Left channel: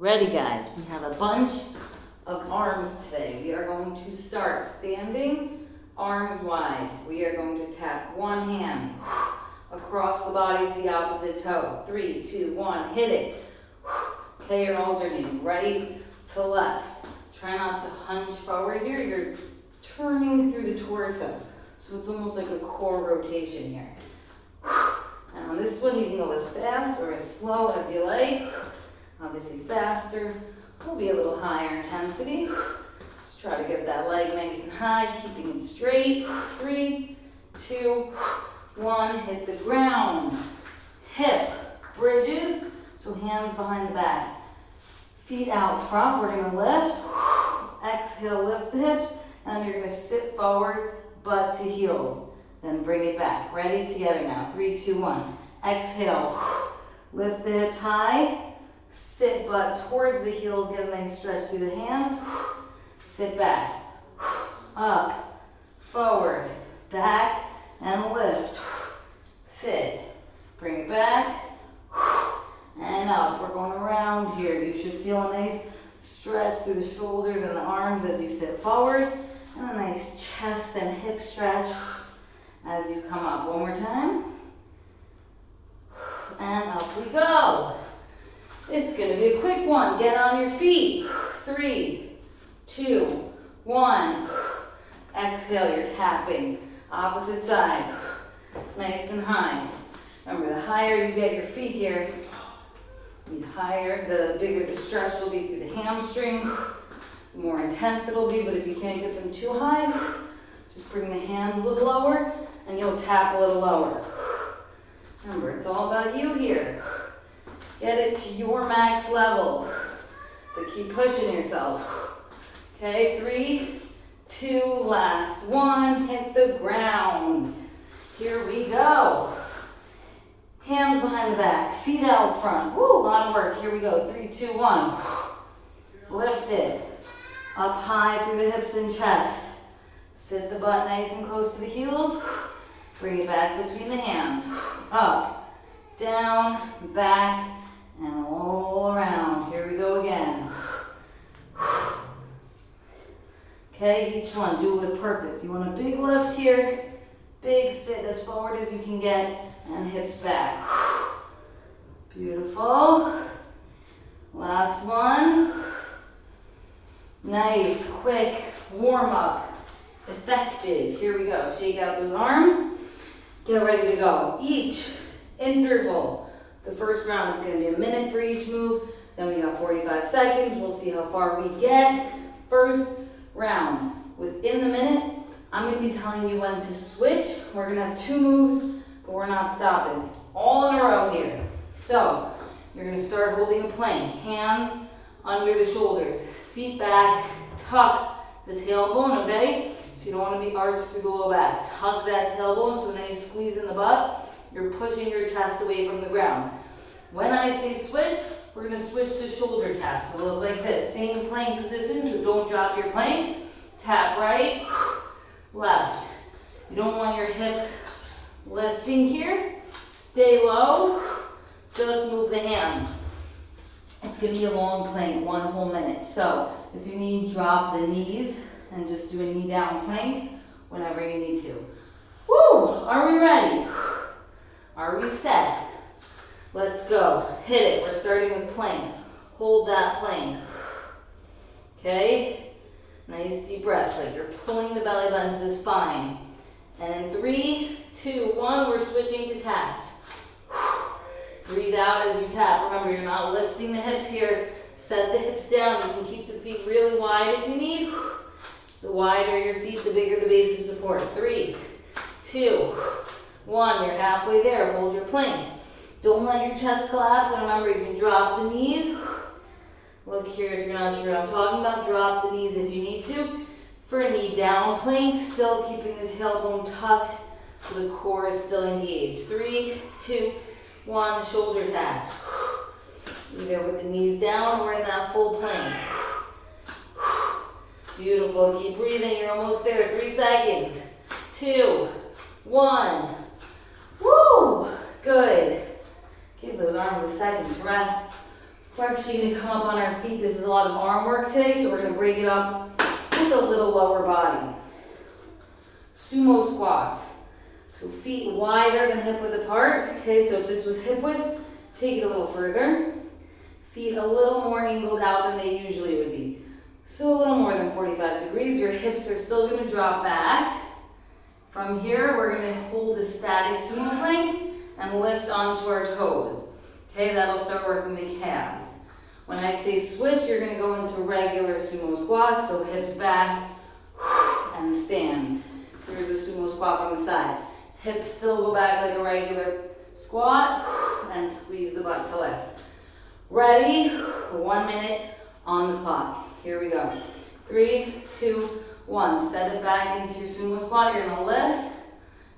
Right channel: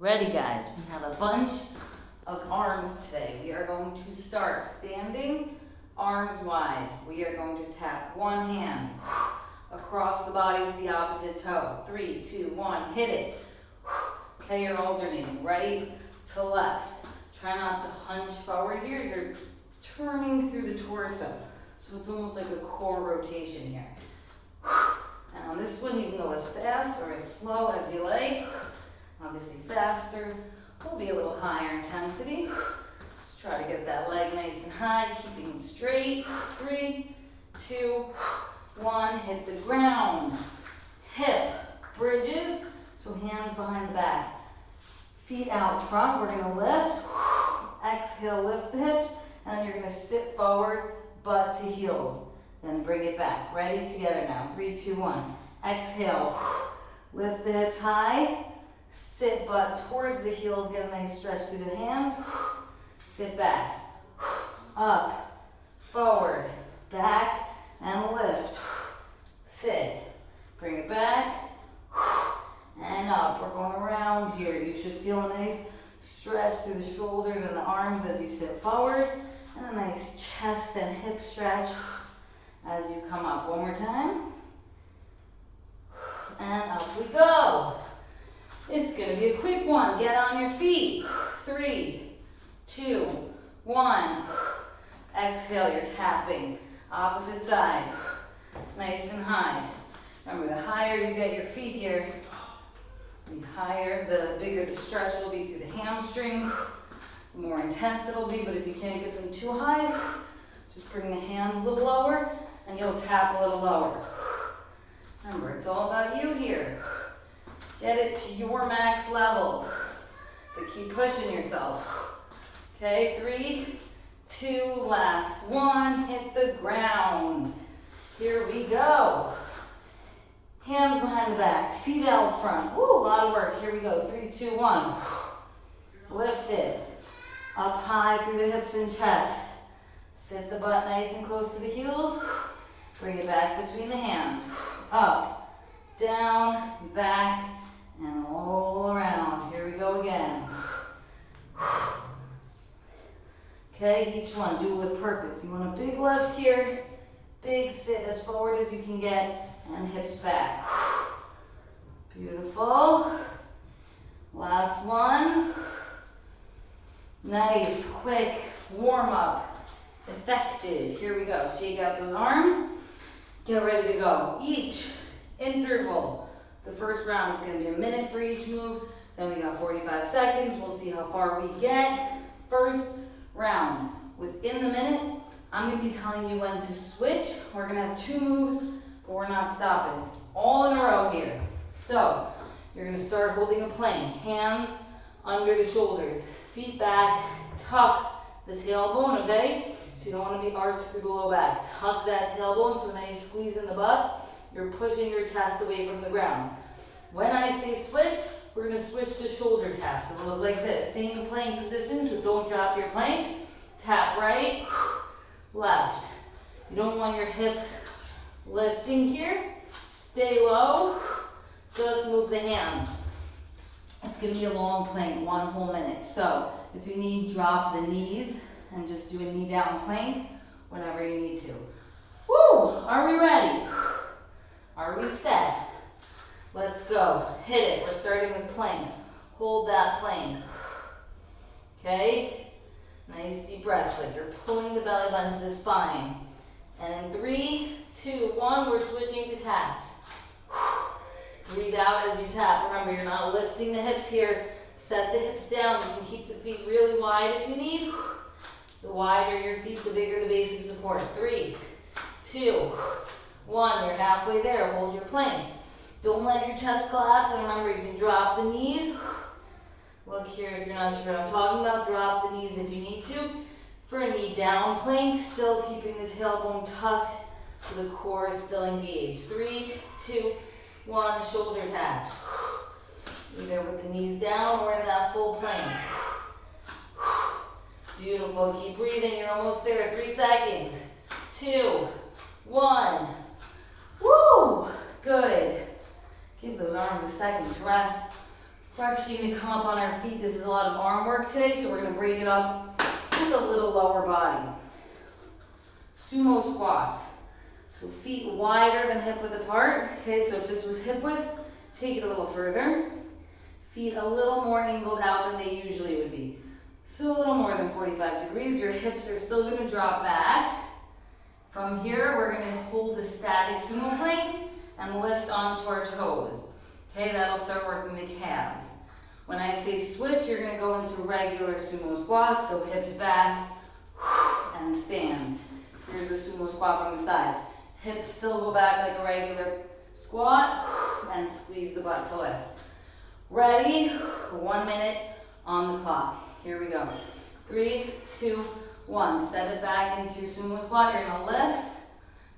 Ready, guys? We have a bunch of arms today. We are going to start standing, arms wide. We are going to tap one hand across the body to the opposite toe. 3, 2, 1, hit it. Okay, you're alternating, right to left. Try not to hunch forward here. You're turning through the torso. So it's almost like a core rotation here. And on this one, you can go as fast or as slow as you like. Obviously faster will be a little higher intensity. Just try to get that leg nice and high, keeping it straight. 3, 2, 1, hit the ground. Hip bridges, so hands behind the back. Feet out front, we're gonna lift. Exhale, lift the hips, and then you're gonna sit forward, butt to heels. Then bring it back. Ready? Together now. 3, 2, 1. Exhale, lift the hips high. Sit butt towards the heels, get a nice stretch through the hands. Sit back, up, forward, back, and lift. Sit, bring it back, and up. We're going around here. You should feel a nice stretch through the shoulders and the arms as you sit forward, and a nice chest and hip stretch as you come up. One more time, and up we go. It's gonna be a quick one. Get on your feet. 3, 2, 1. Exhale, you're tapping. Opposite side. Nice and high. Remember, the higher you get your feet here, the bigger the stretch will be through the hamstring, the more intense it'll be, but if you can't get them too high, just bring the hands a little lower and you'll tap a little lower. Remember, it's all about you here. Get it to your max level, but keep pushing yourself. Okay, 3, 2, last 1, hit the ground. Here we go. Hands behind the back, feet out front. Woo, a lot of work. Here we go. 3, 2, 1. Lift it. Up high through the hips and chest. Sit the butt nice and close to the heels. Bring it back between the hands. Up, down, back, and all around. Here we go again. Okay, each one, do it with purpose. You want a big lift here, big sit as forward as you can get, and hips back. Beautiful. Last one. Nice, quick, warm up, effective. Here we go. Shake out those arms. Get ready to go. Each interval. The first round is going to be a minute for each move. Then we got 45 seconds. We'll see how far we get. First round. Within the minute, I'm going to be telling you when to switch. We're going to have 2 moves, but we're not stopping. It's all in a row here. So, you're going to start holding a plank. Hands under the shoulders. Feet back. Tuck the tailbone, okay? So you don't want to be arched through the low back. Tuck that tailbone, so nice squeeze in the butt. You're pushing your chest away from the ground. When I say switch, we're going to switch to shoulder taps. It'll look like this. Same plank position, so don't drop your plank. Tap right, left. You don't want your hips lifting here. Stay low. Just move the hands. It's going to be a long plank, 1 whole minute. So if you need, drop the knees and just do a knee down plank whenever you need to. Woo! Are we ready? Are we set? Let's go. Hit it. We're starting with plank. Hold that plank. Okay? Nice deep breath, like you're pulling the belly button to the spine. And in 3, 2, 1, we're switching to taps. Breathe out as you tap. Remember, you're not lifting the hips here. Set the hips down. You can keep the feet really wide if you need. The wider your feet, the bigger the base of support. 3, 2, 1, you're halfway there. Hold your plank. Don't let your chest collapse. And remember, you can drop the knees. Look here if you're not sure what I'm talking about. Drop the knees if you need to. For a knee down plank, still keeping the tailbone tucked so the core is still engaged. 3, 2, 1, shoulder taps. Either with the knees down or in that full plank. Beautiful. Keep breathing. You're almost there. 3 seconds. 2, 1. Woo! Good. Give those arms a second to rest. We're actually going to come up on our feet. This is a lot of arm work today, so we're going to break it up with a little lower body. Sumo squats. So feet wider than hip width apart. Okay, so if this was hip width, take it a little further. Feet a little more angled out than they usually would be. So a little more than 45 degrees. Your hips are still going to drop back. From here, we're going to hold a static sumo plank and lift onto our toes. Okay, that'll start working the calves. When I say switch, you're going to go into regular sumo squats, so hips back and stand. Here's a sumo squat from the side. Hips still go back like a regular squat and squeeze the butt to lift. Ready? 1 minute on the clock. Here we go. 3, 2, 1. Set it back into sumo squat. You're going to lift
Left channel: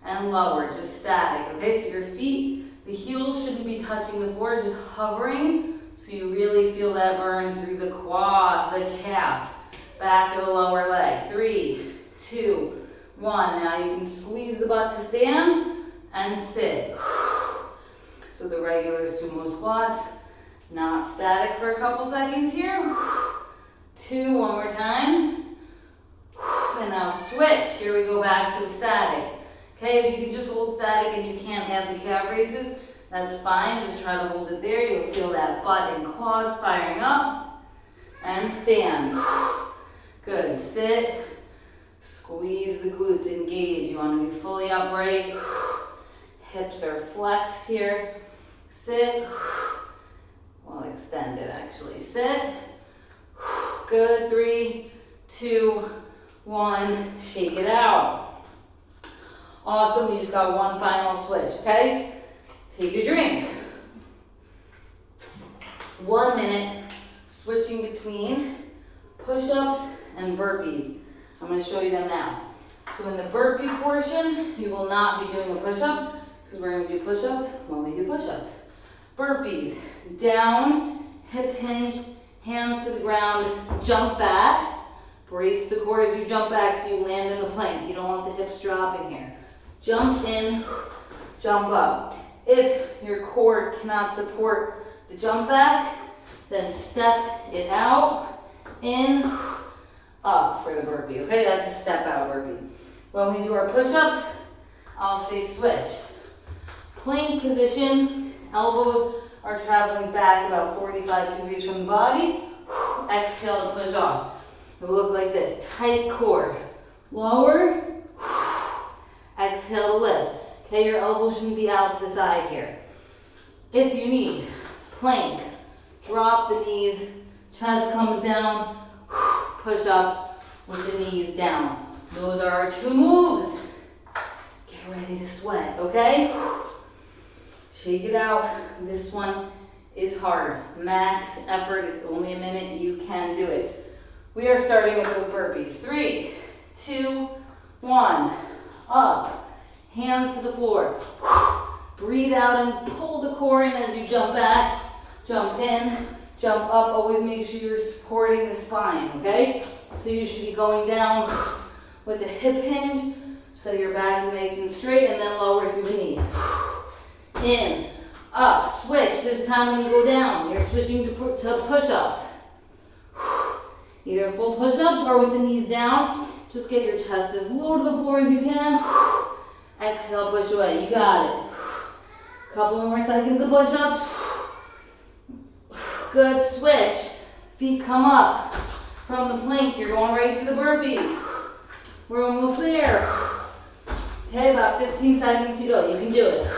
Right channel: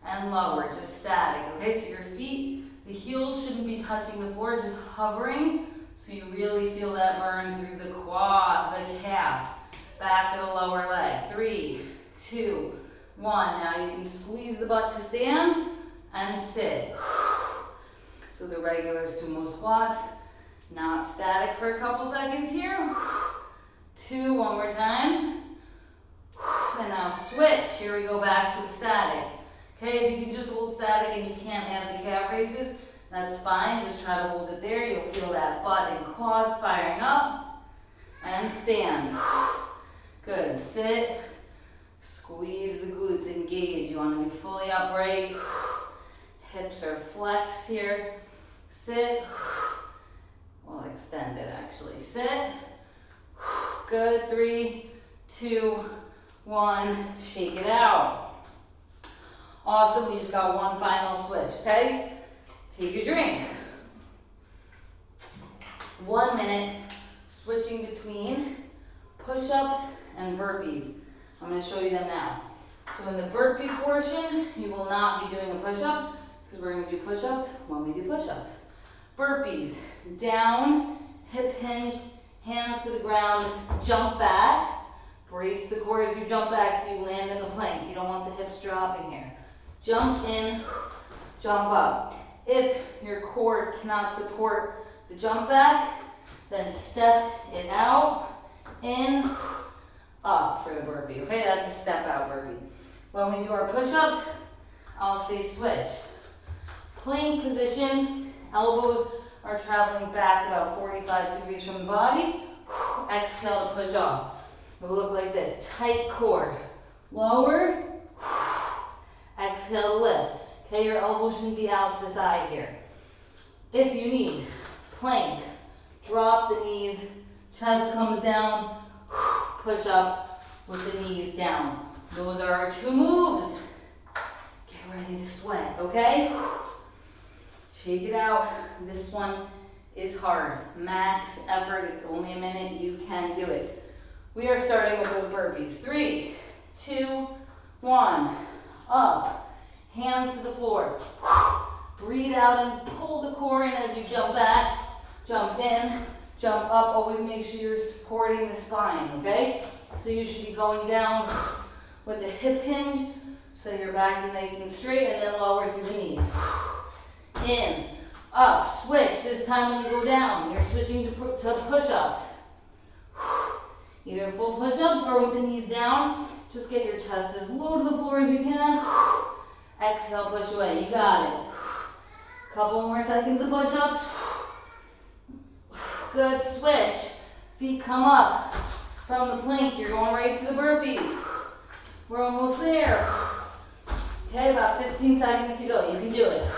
and lower, just static. Okay, so your feet, the heels shouldn't be touching the floor, just hovering, so you really feel that burn through the quad, the calf, back of the lower leg. 3, 2, 1. Now you can squeeze the butt to stand and sit. So the regular sumo squats, not static for a couple seconds here. 2, one more time. And now switch. Here we go back to the static. Okay, if you can just hold static and you can't add the calf raises, that's fine. Just try to hold it there. You'll feel that butt and quads firing up. And stand. Good. Sit. Squeeze the glutes. Engage. You want to be fully upright. Hips are flexed here. Sit. Well, extend it actually. Sit. Good. 3, 2, 1. Shake it out. Awesome, we just got one final switch, okay? Take a drink. 1 minute, switching between push-ups and burpees. I'm gonna show you them now. So in the burpee portion, you will not be doing a push-up because we're gonna do push-ups when we do push-ups. Burpees, down, hip hinge, hands to the ground, jump back. Brace the core as you jump back so you land in the plank. You don't want the hips dropping here. Jump in, jump up. If your core cannot support the jump back, then step it out, in, up for the burpee. Okay, that's a step out burpee. When we do our push-ups, I'll say switch. Plank position, elbows are traveling back about 45 degrees from the body. Exhale to push off. It will look like this, tight core. Lower, exhale to lift. Okay, your elbows shouldn't be out to the side here. If you need, plank, drop the knees, chest comes down, push up with the knees down. Those are our 2 moves. Get ready to sweat, okay? Shake it out. This one is hard. Max effort, it's only a minute, you can do it. We are starting with those burpees. 3, 2, 1. Up. Hands to the floor. Breathe out and pull the core in as you jump back. Jump in, jump up. Always make sure you're supporting the spine, okay? So you should be going down with a hip hinge so your back is nice and straight, and then lower through the knees. In, up, switch. This time when you go down, you're switching to push-ups. Either full push-ups or with the knees down. Just get your chest as low to the floor as you can. Exhale, push away. You got it. Couple more seconds of push-ups. Good, switch. Feet come up from the plank. You're going right to the burpees. We're almost there. Okay, about 15 seconds to go. You can do it.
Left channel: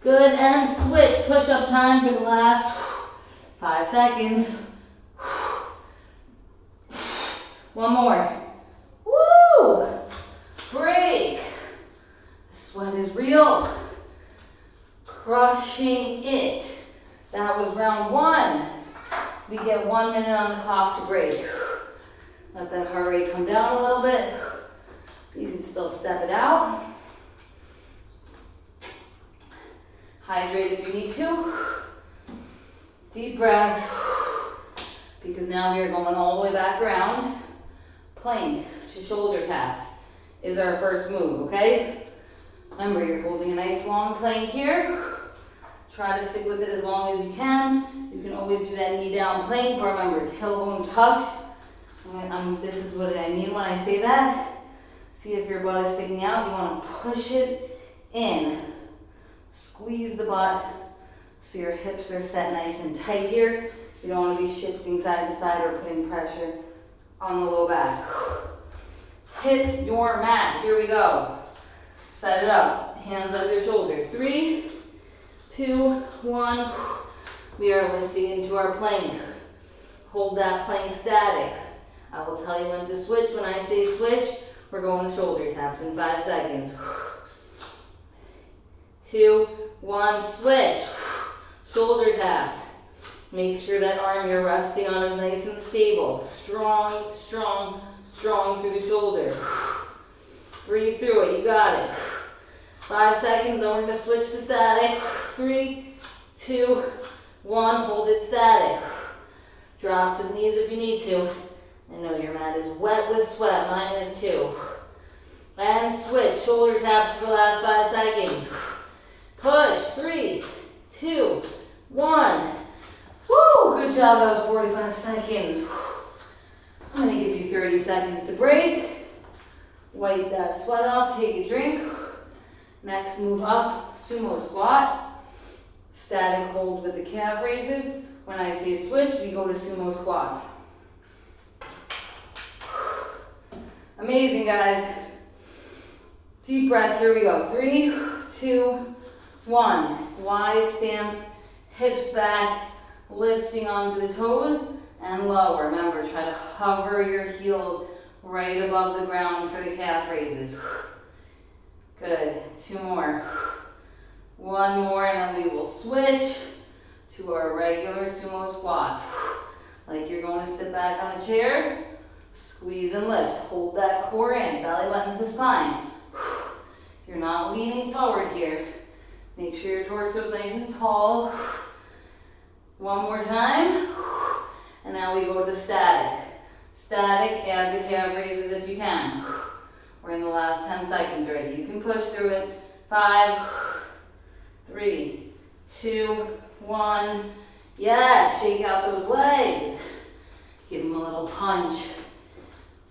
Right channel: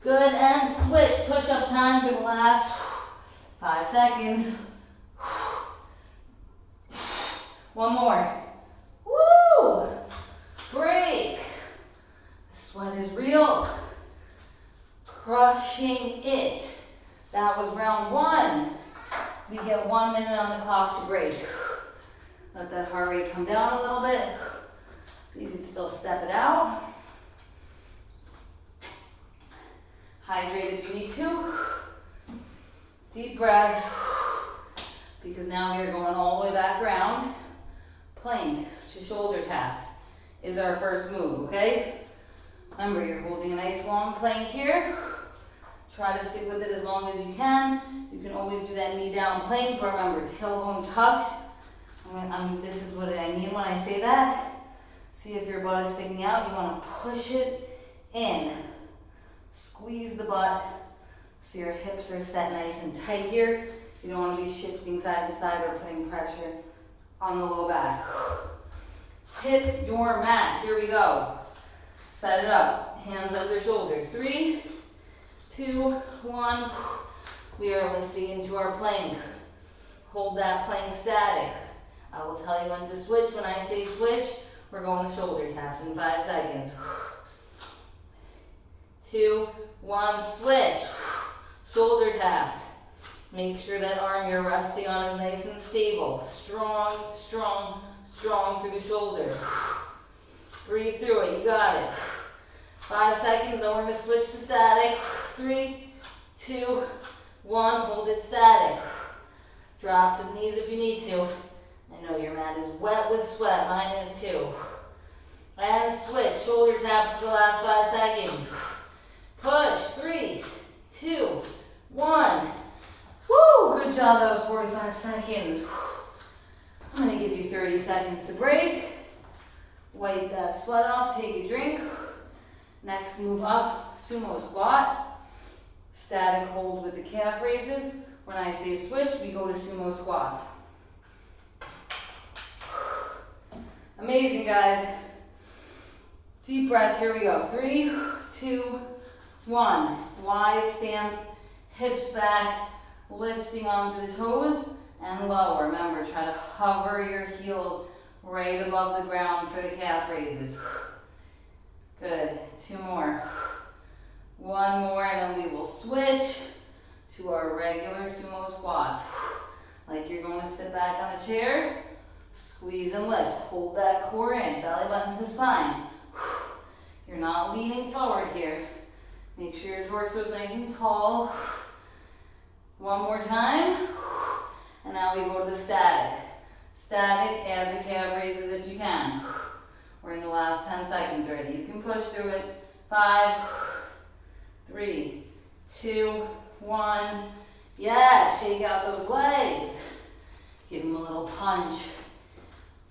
Good, and switch. Push-up time for the last 5 seconds. One more. Woo! Break. The sweat is real. Crushing it. That was round 1. We get 1 minute on the clock to break. Let that heart rate come down a little bit. You can still step it out. Hydrate if you need to. Deep breaths. Because now we are going all the way back around. Plank to shoulder taps is our first move, okay? Remember, you're holding a nice long plank here. Try to stick with it as long as you can. You can always do that knee down plank, but remember, tailbone tucked. This is what I mean when I say that. See if your butt is sticking out. You want to push it in. Squeeze the butt so your hips are set nice and tight here. You don't want to be shifting side to side or putting pressure on the low back. Hit your mat. Here we go. Set it up. Hands on your shoulders. 3, 2, 1. We are lifting into our plank. Hold that plank static. I will tell you when to switch. When I say switch, we're going to shoulder taps in 5 seconds. 2, 1, switch. Shoulder taps. Make sure that arm you're resting on is nice and stable. Strong, strong, strong through the shoulder. Breathe through it. You got it. 5 seconds, then we're going to switch to static. 3, 2, 1. Hold it static. Drop to the knees if you need to. I know your mat is wet with sweat. Mine is too. And switch. Shoulder taps for the last 5 seconds. Push. 3, 2, 1. Woo! Good job. That was 45 seconds. I'm going to give you 30 seconds to break. Wipe that sweat off. Take a drink. Next, move up. Sumo squat. Static hold with the calf raises. When I say switch, we go to sumo squats. Amazing, guys. Deep breath. Here we go. 3, 2, 1. Wide stance. Hips back. Lifting onto the toes and lower. Remember, try to hover your heels right above the ground for the calf raises. Good. 2 more. 1 more, and then we will switch to our regular sumo squats. Like you're going to sit back on a chair, squeeze and lift. Hold that core in, belly button to the spine. You're not leaning forward here. Make sure your torso is nice and tall. 1 more time. And now we go to the static. Static, add the calf raises if you can. We're in the last 10 seconds already. You can push through it. 5, 3, 2, 1. Yes, shake out those legs. Give them a little punch.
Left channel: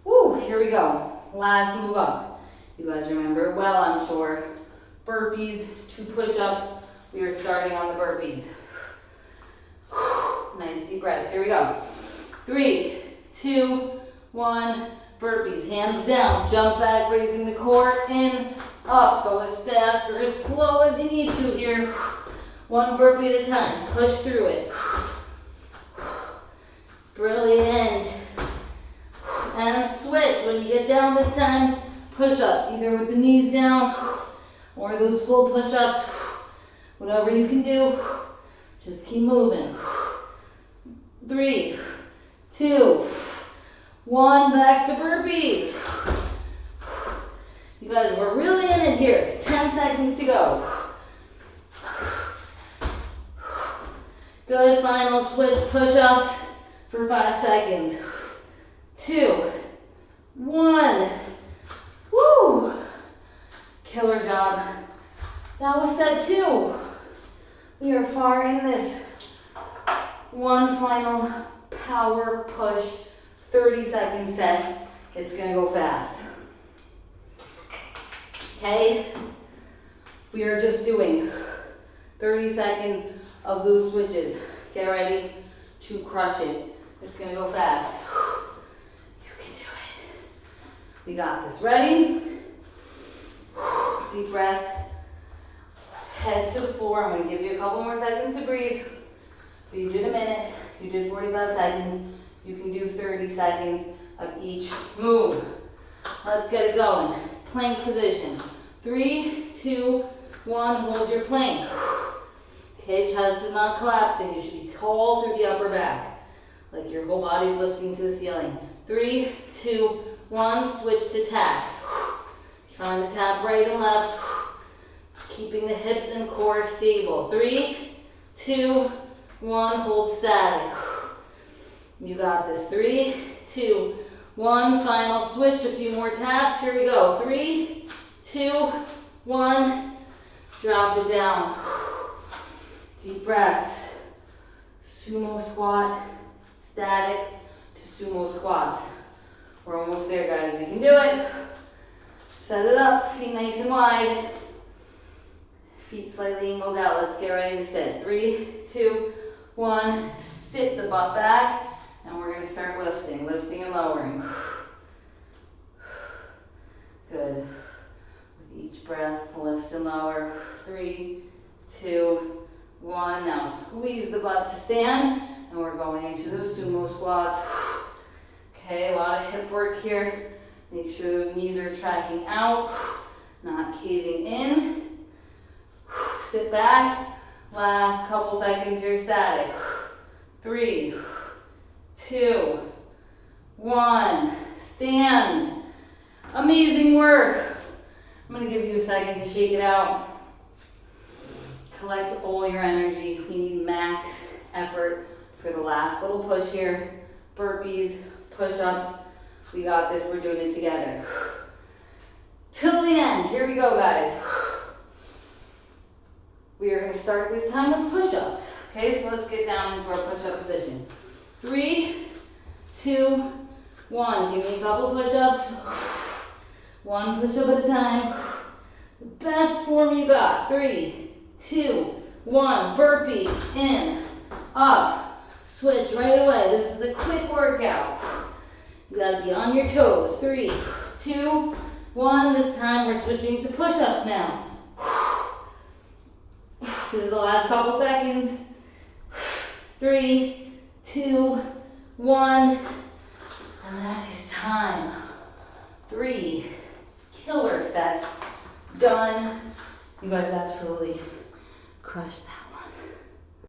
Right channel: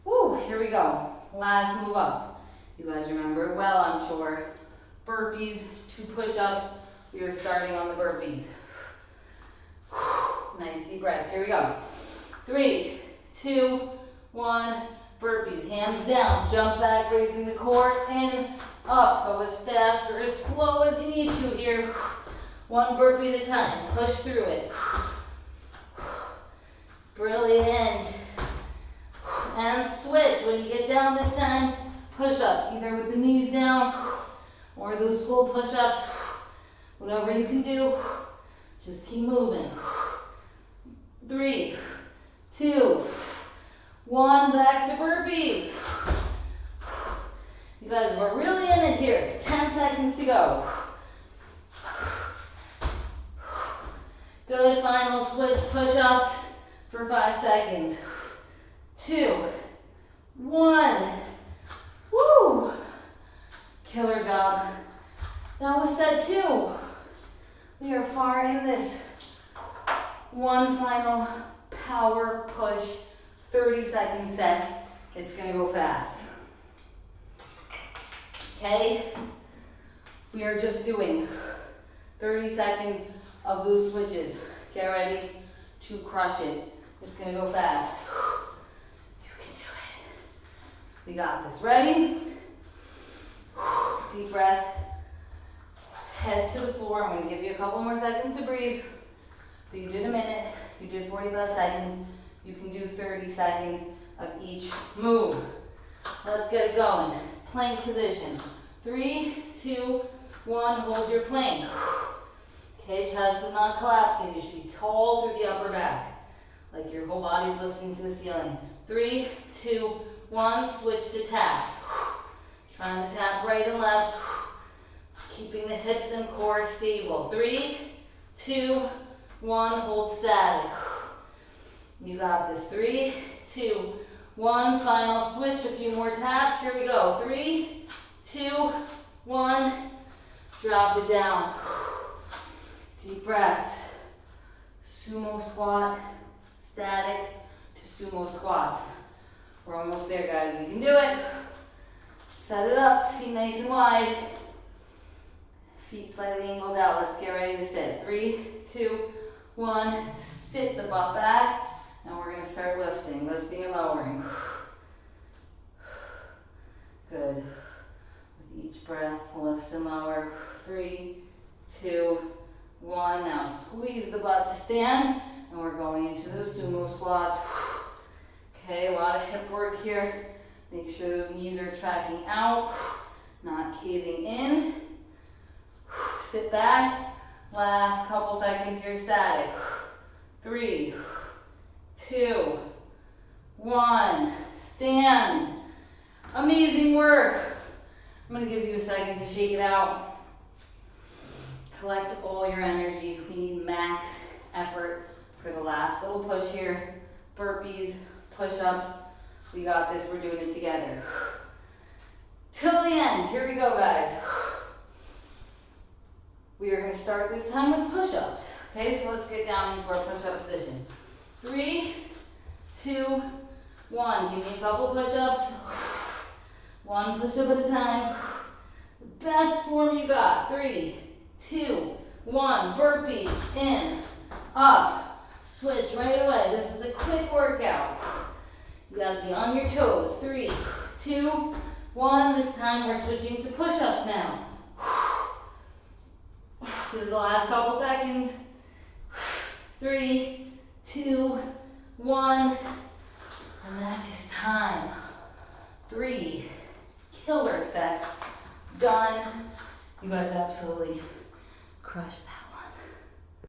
Woo, here we go. Last move up. You guys remember well, I'm sure. Burpees, 2 push-ups. We are starting on the burpees. Nice deep breaths. Here we go. 3, 2, 1. Burpees. Hands down. Jump back, raising the core. In, up. Go as fast or as slow as you need to here. 1 burpee at a time. Push through it. Brilliant. And switch. When you get down this time, push-ups. Either with the knees down or those full push-ups. Whatever you can do. Just keep moving. 3, 2, 1. Back to burpees. You guys, we're really in it here. 10 seconds to go. Good. Final switch push-ups for 5 seconds. 2, 1. Woo! Killer job. That was set 2. We are far in this. 1 final power push, 30-second set. It's gonna go fast. Okay? We are just doing 30 seconds of those switches. Get ready to crush it. It's gonna go fast. You can do it. We got this. Ready? Deep breath. Head to the floor. I'm gonna give you a couple more seconds to breathe. But you did a minute, you did 45 seconds. You can do 30 seconds of each move. Let's get it going. Plank position. 3, 2, 1. Hold your plank. Okay, chest is not collapsing. You should be tall through the upper back. Like your whole body's lifting to the ceiling. 3, 2, 1. Switch to taps. Trying to tap right and left. Keeping the hips and core stable. 3, 2, 1. Hold static. You got this. 3, 2, 1. Final switch. A few more taps. Here we go. 3, 2, 1. Drop it down. Deep breath. Sumo squat, static to sumo squats. We're almost there, guys. We can do it. Set it up, feet nice and wide. Feet slightly angled out. Let's get ready to sit. 3, 2, 1. Sit the butt back. And we're going to start lifting and lowering. Good. With each breath, lift and lower. 3, 2, 1. Now squeeze the butt to stand. And we're going into those sumo squats. Okay, a lot of hip work here. Make sure those knees are tracking out, not caving in. Sit back. Last couple seconds here, static. 3, 2, 1. Stand. Amazing work. I'm going to give you a second to shake it out. Collect all your energy. We need max effort for the last little push here. Burpees, push-ups. We got this. We're doing it together. Till the end. Here we go, guys. We are going to start this time with push-ups. Okay, so let's get down into our push-up position. 3, 2, 1. Give me a couple push-ups. One push-up at a time. The best form you got. 3, 2, 1. Burpees. In, up, switch right away. This is a quick workout. You gotta be on your toes. 3, 2, 1. This time we're switching to push-ups now. This is the last couple seconds.